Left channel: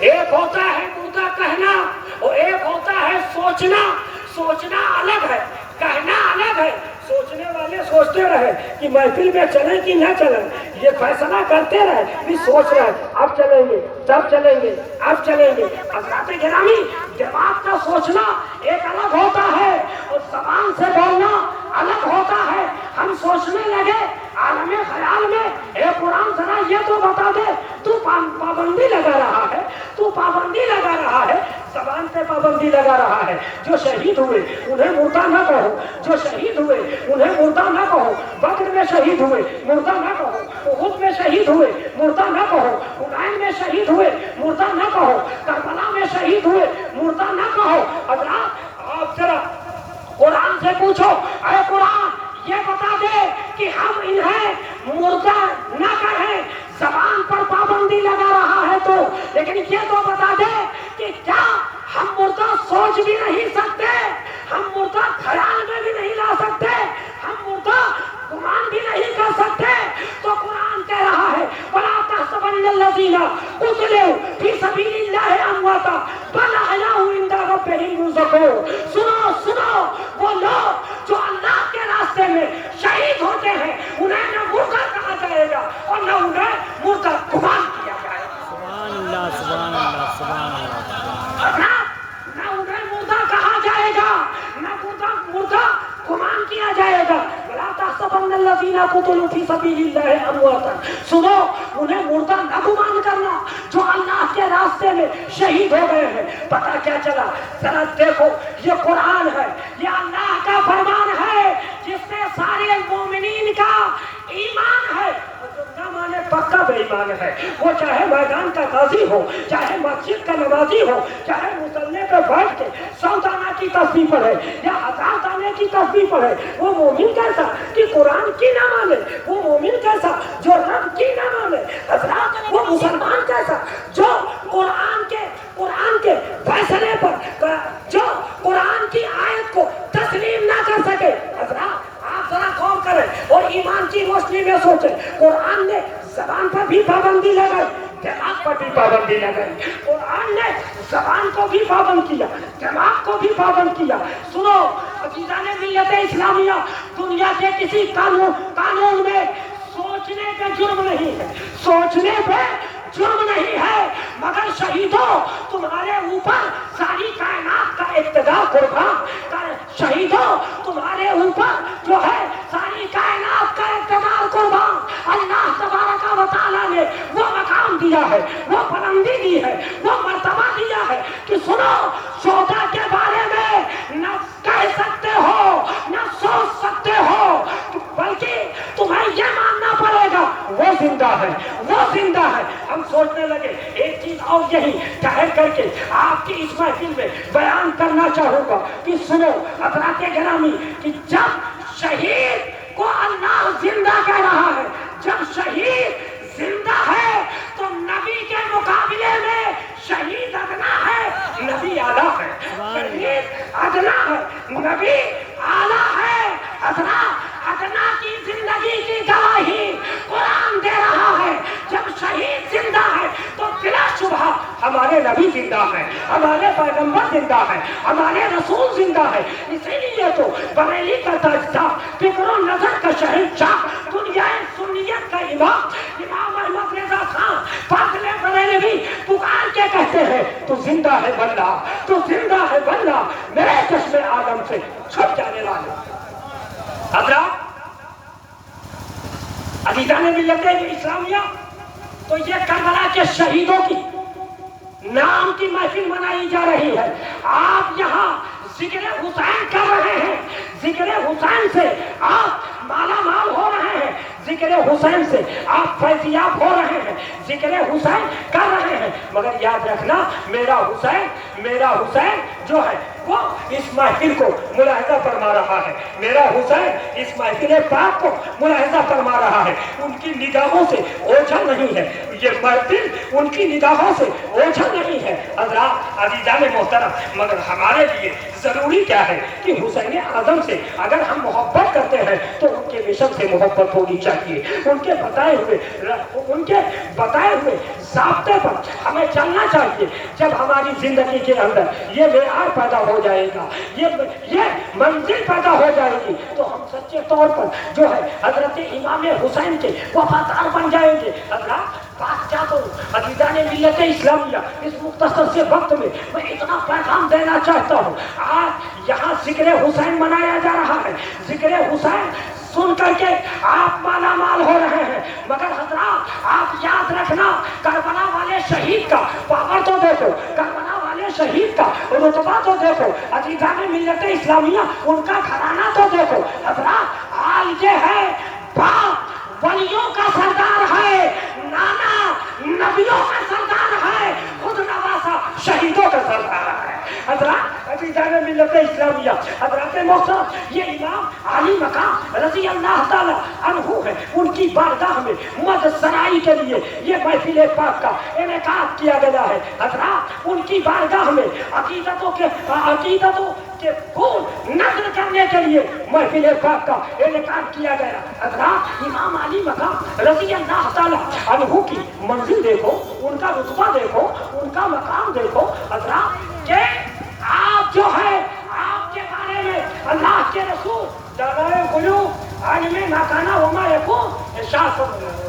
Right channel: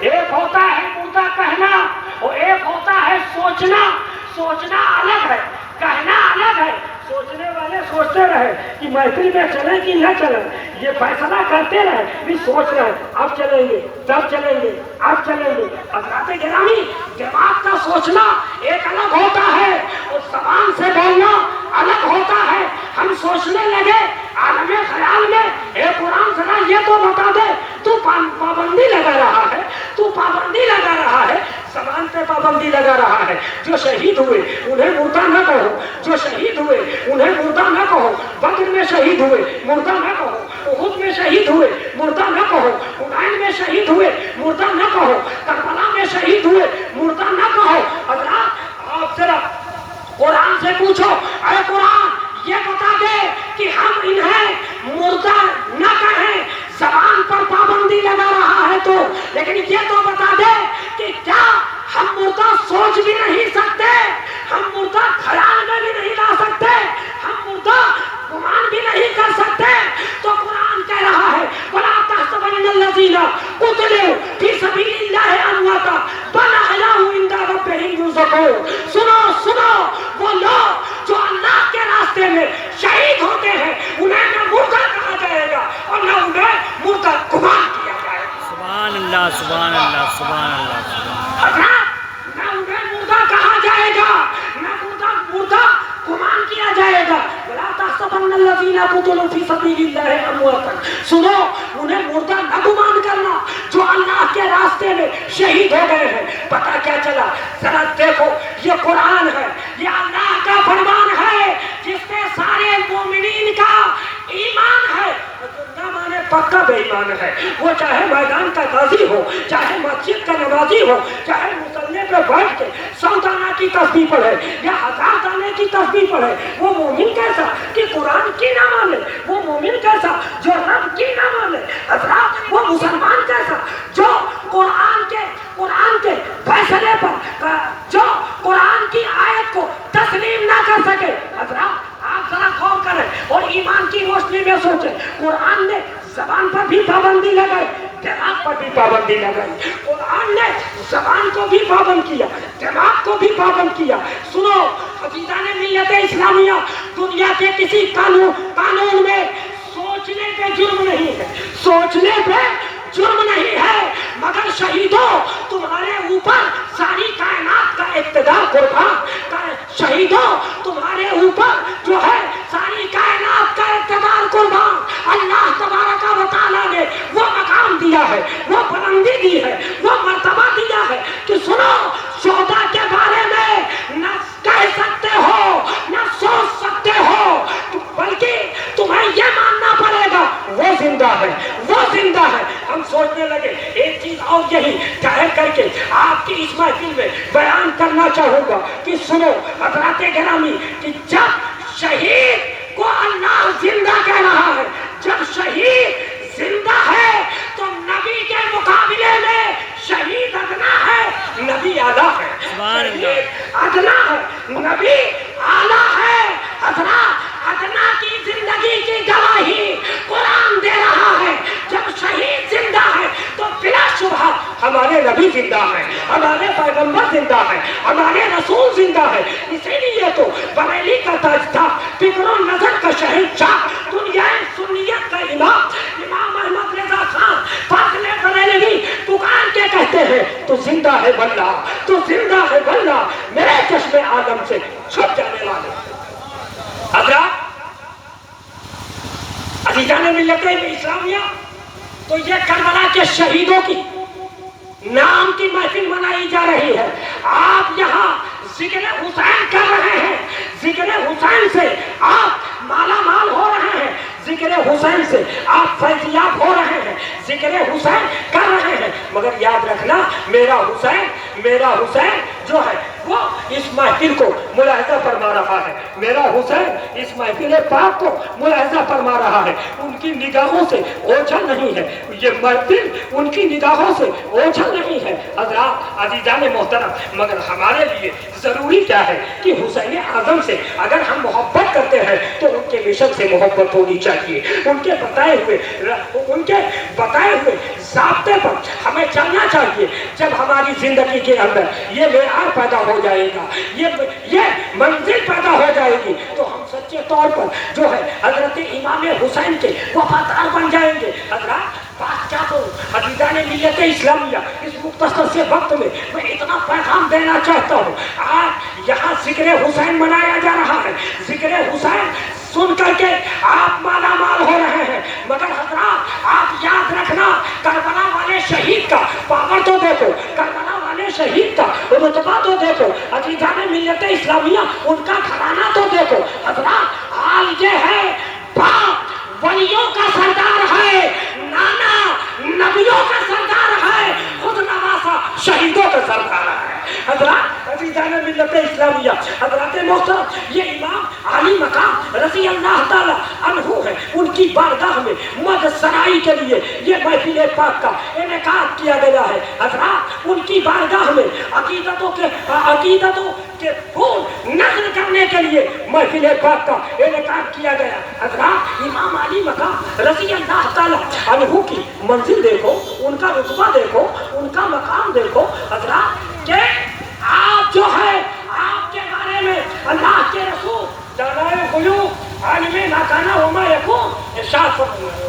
ایک ہوتا ہے مردہ کہنا اور ایک ہوتا ہے سوچنا. سوچنا الگ ہے، کہنا الگ ہے. سوچنے والے سوچتے رہے کہ محفل میں چلیں کہ نہ چلیں، یہ فیصلہ کرتے رہے بھی سوچ رہے اب چلیں گے تب چلیں گے اب چلیں گے. حضرات گرامی، دماغ کا سوچنا ایک الگ ہوتا ہے اور زبان سے بولنا الگ ہوتا ہے. ہم سوچنے لگے عالم خیال میں، اے قرآن ذرا یہ تو بتا دے، تو پابندی لگا رہا ہے، تو پابندی لگا رہا ہے، زبان پہ پابندی لگا رہا ہے. جو شہید ہوئے انہیں مردہ نہ کہو، جو شہید ہوئے انہیں مردہ نہ کہو. بدر میں شہید ہوئے مردہ نہ کہو، احد میں شہید ہوئے مردہ نہ کہو، حنین میں شہید ہوئے مردہ نہ کہو، کربلا میں شہید ہوئے مردہ نہ کہو. حضرات آپ ذرا قرآن سے پوچھو، اے قرآن یہ بتا دے کہ ہم انہیں مردہ نہ کہیں. زبان پر پابندی لگا رہا ہے تو، لیکن یہ تو بتا دے کہ کیا ہم مردہ سوچ بھی نہیں سکتے، ہم مردہ خیال میں بھی نہیں لا سکتے، ہم مردہ گمان بھی نہیں کر سکتے. تو قرآن کہہ رہا ہے وَلَا تَحْسَبَنَّ الَّذِينَ قُتِلُوا فِي سَبِيلِ اللَّهِ أَمْوَاتًا بَلْ أَحْيَاءٌ عِندَ رَبِّهِمْ يُرْزَقُونَ. سنو سنو، وہ لوگ جو اللہ کے راستے میں شہید ہوتے ہیں انہیں نہ مردہ کہا جائے گا اور نہ انہیں مردہ گمان کیا جائے گا. سبحان اللہ سبحان اللہ سبحان اللہ سبحان اللہ. نہ انہیں مردہ کہا جائے گا، نہ مردہ گمان کیا جائے گا. لا تحسبن الذین قتلوا فی سبیل اللہ امواتا. سنو، انہیں مردہ نہ گمان کرنا جو اللہ کے راستے میں شہید ہو گئے ہیں. پتہ کیا چلا؟ ذرا دیکھو، یہ قرآن ہے، یہ اللہ کا فرمان ہے جس سے سارے مومنین کا ایمان ہے. نہ مانے پکا بے ایمان ہے، وہ چاہے میدان کا غازی ہو، چاہے مسجد کا نمازی ہو، چاہے مصلی پہ بیٹھ کے 100 دانہ کی تسبیح پڑھے یا 1000 دانے کی تسبیح پڑھے. وہ مومن کیسا کہ قرآن کی نہ مانے، وہ مومن کیسا جو رب کی نہ مانے. حضرات وہ مسلمان کیسا جو قرآن کے فیصلے پر، جو قرآن کی آیت کو تسلیم نہ کر سکے. حضرات آپ ذرا غور کریں اور ایمان کی روشنی میں سوچیں. قرآن نے زبان پر بھی پابندی لگائی، دماغ پر بھی پابندی لگائی. قرآن نے زبان کو بھی پابند کیا، دماغ کو بھی پابند کیا. سنو عزیزان ملت اسلامیہ، دنیا کے کسی قانون میں سوچنے پہ جرم نہیں ہے، سوچنے پہ جرم نہیں ہے. مگر شہیدوں، تمہارے اوپر ساری کائنات کا اقتدار قربان کرے. شہیدوں، تمہارے اوپر جو ہے ساری کائنات کا اقتدار قربان. اللہ تبارک و تعالیٰ نے وہ مقام دیا ہے، وہ بلندی دی ہے، وہ مرتبہ دیا ہے کہ سنو، شہداء کے بارے میں نہ کہہ سکتے ہو نہ سوچ سکتے ہو، بلکہ تمہیں یہ ماننا پڑے گا وہ زندہ ہے، وہ زندہ ہے. ہم سوچنے لگے ایک چیز اور یہی ظاہر کر کے آپ کی اس محفل میں بیان کرنا چاہوں گا کہ سنو حضرات گرامی، کہ جب شہید کو اللہ زندہ کہہ رہا ہے، جب شہید زندہ ہے تو نبی کے مقابلے میں شہید ادنا ہے، نبی اعلیٰ ہے. شہید ادنا ہے، نبی اعلیٰ ہے. حضرات ادنا کی زندگی کی گواہی قرآن دے رہا ہے. جب شہید زندہ ہے تو بلا شبہ ہمارے نبی زندہ ہے، ہمارے پیغمبر زندہ ہے، ہمارے رسول زندہ ہے. اسی لیے تو بریلی کا تاجدار، فکر و نظر کا شہنشاہ، دنیا سنیت کا امام احمد رضا خان فاضل بریلوی پکار کے کہتے ہیں تو زندہ ہے بندہ، تو زندہ ہے بندہ میرے چشم عالم سے چھپ جانے والے. حضرات عزیزان ملت اسلامیہ، تو یہ کربلا کے شہیدوں کی نام کی محفل منائی جا رہی ہے. آپ یہاں ذکر حسین کر رہے ہیں، ذکر حسین سے آپ مالا مال ہو رہے ہیں، ذکر حسین سے آپ فیضیاب ہو رہے ہیں، ذکر حسین کر رہے ہیں. مگر یاد رکھنا، میرا حسین جو ہے وہ اس محفل کو ملاحظہ فرما رہا ہے. میرا حسین اس محفل پاک کو ملاحظہ فرما رہا ہے. ان کی نگاہوں سے اوجھل نہیں ہے یہ محفل, ان کی نگاہوں سے اوجھل نہیں ہے. حضرات عزیزان محترم, مگر ہمارے لیے ضروری کیا ہے کہ حسین اعظم سے اگر ہم محبت کرتے ہیں تو ان کے مشن سے محبت ہونی چاہیے. ان کے بتائے ہوئے ضابطے پر ہمیں چلنا چاہیے. جب ہماری زندگی کے اندر یہ معیار پیدا ہو جائے گا, یہ منزل پیدا ہو جائے گی, تو ہم سچے طور پر جو ہے حضرت امام حسین کے وفادار بن جائیں گے. حضرات بات کیا کروں عزیزان ملت اسلامیہ, اس مختصر سے وقت میں میں اتنا پیغام دینا چاہتا ہوں. آج یہاں ذکر حسین منایا جا رہا ہے. ذکر حسین سن کر کے آپ مالا مال ہو رہے ہیں, مگر حضرات آپ یاد رکھنا کربلا والے شہید کا پاور تو دیکھو, کربلا والے شہید کا رتبہ تو دیکھو, عزیزان ملت اسلامیہ ان کا گھرانہ تو دیکھو. حضرات حال یہ ہے, باپ ولیوں کا سردار ہے, نانا نبیوں کا سردار ہے, خود نواسا شہیدوں کا سردار ہے. حضرات عزیزان ملت اسلامیہ, حضرات محترم, یہ امام علی مقام رضی اللہ تعالی عنہ ہے. ان کی بارگاہ میں مدد سرائی کے لیے یہ محفل پاک کا انعقاد کیا گیا ہے. حضرات ان کی بارگاہ میں عقیدتوں کے پھول نظر کرنے کے لیے محفل پاک کا انعقاد کیا گیا. حضرات امام علی مقام رضی اللہ تعالی عنہ کی منزل دیکھو, ان کا رتبہ دیکھو, ان کا مقام دیکھو. حضرات کہ آپ جو ہے آپ کے بارے میں اللہ کے رسول جلائے قلوب عالم ناکانا وما یکون ارشاد فرمائے